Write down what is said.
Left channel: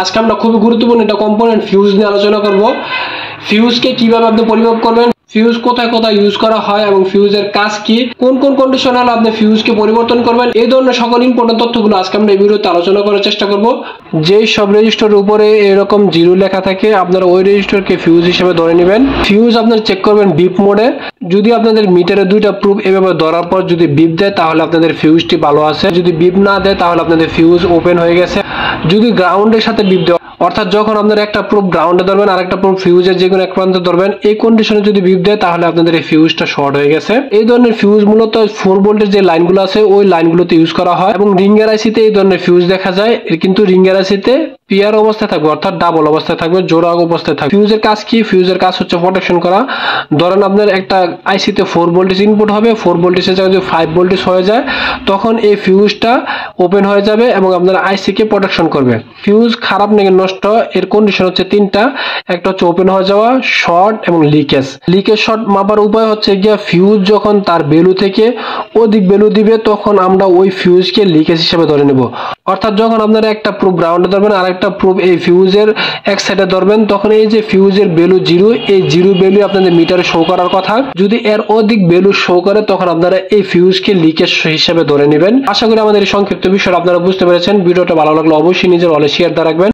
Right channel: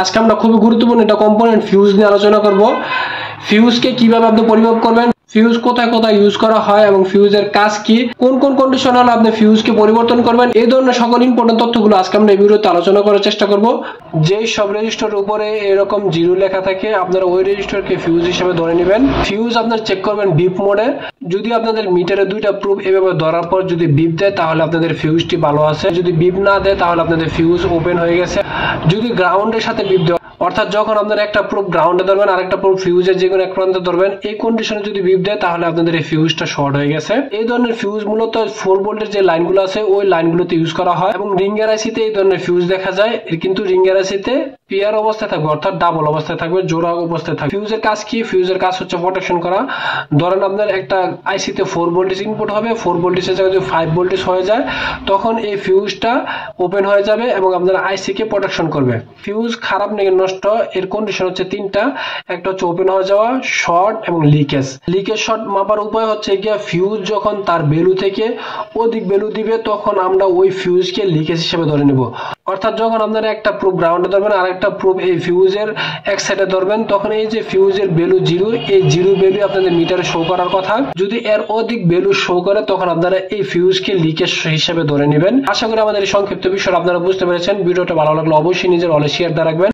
আজকে আমরা খুবই গুরুত্বপূর্ণ একটা কম্পোনেন্ট ফিউজ নিয়ে আলোচনা করব। ফিউজকে কিভাবে আপনি পরিমাপ করবেন, ফিউজ কোথায় কোথায় ইউজ করা হয় এবং ফিউজের কাজ কি, কোন কোন কন্ডিশন হলে আপনি ফিউজকে পরিবর্তন করবেন, এই ধরনের সকল ইম্পর্টেন্ট তথ্যগুলো আজকে আমরা এই ভিডিওতে আলোচনা করার চেষ্টা করব। যেই সব রেজিস্টারের উপরে এরকম জিরো লেখা থাকে আপনারা ওই রেজিস্টারকে ফিউজ হিসেবে ধরে নেবেন। ফিউজ আপনারা চেক করবেন বিপ মোডে। যদি আপনাদের মিটারে দুইটা প্রুফ এভাবে ধরার পর যদি বিপ দেয় তাহলে আপনাদের ফিউজটি ভালো আছে, যদি বিপ না দেয় তাহলে আপনাদের ফিউজ ওপেন হয়ে গেছে। যদি গ্রাউন্ডের সাথে বিপ দেয় অর্থাৎ যখন আপনারা একটা প্রুফ গ্রাউন্ডে ধরবেন আর একটা প্রুফ ফিউজের যে কোনো এক প্রান্তে ধরবেন, এই কন্ডিশনে যদি বিপ দেয় তাহলে আপনাদের এই ফিউজটা শর্ট হয়ে গেছে। এই ধরনের ফিউজ মূলত 4 ভোল্টের যে লাইনগুলো আছে ওই লাইনগুলোতে ইউজ করা হয় এবং রিঙ্গার আইসিতে এই ধরনের ফিউজ দেখা যায়, কিন্তু রিঙ্গার আইসিতে পিয়ার অবস্থায় থাকবে অর্থাৎ ডাবল অবস্থায় থাকবে, জোড়া অবস্থায় থাকবে। ফিউজের কাজ কি? ফিউজের কাজ হচ্ছে প্রোটেকশন করা। ধরেন আপনার একটা আইসিতে 4 ভোল্টেজ ইনপুট হবে, 4 ভোল্টেজের জায়গায় যদি 5 ভোল্টেজ হয়ে যায় তখন এই ফিউজটা ওপেন হয়ে যাবে এবং আপনার আইসিকে প্রোটেকশন করবে। ফিউজ খারাপ নাকি নষ্ট এর কন্ডিশন হচ্ছে তিনটা। একটা হচ্ছে ওপেন হয়ে যাওয়া, শর্ট এবং লিকেজ। লিকেজ শর্ট মাপার উপায় হচ্ছে গিয়া ফিউজ যখন তার ভ্যালু থেকে অধিক ভ্যালু দিবে তখন আমরা ওই ফিউজকে লিকেজ হিসেবে ধরে নেব। অর্থাৎ যখন আপনারা একটা প্রুফ গ্রাউন্ডে ধরবেন আর একটা প্রুফ এই ফিউজের এক সাইডে ধরবেন তখন এই যে ফিউজের ভ্যালু জিরো, এই জিরো ভ্যালু আপনাদের মিটারে শো করার কথা। যদি এর অধিক ভ্যালু শো করে তখন আপনারা এই ফিউজকে লিকেজ হিসেবে ধরে নেবেন। আশা করি আমাদের এই সংক্ষিপ্ত বিষয় আপনারা বুঝতে পেরেছেন। ভিডিওটা ভালো লাগলে অবশ্যই নিজের ওয়ালে শেয়ার দিয়ে রাখবেন।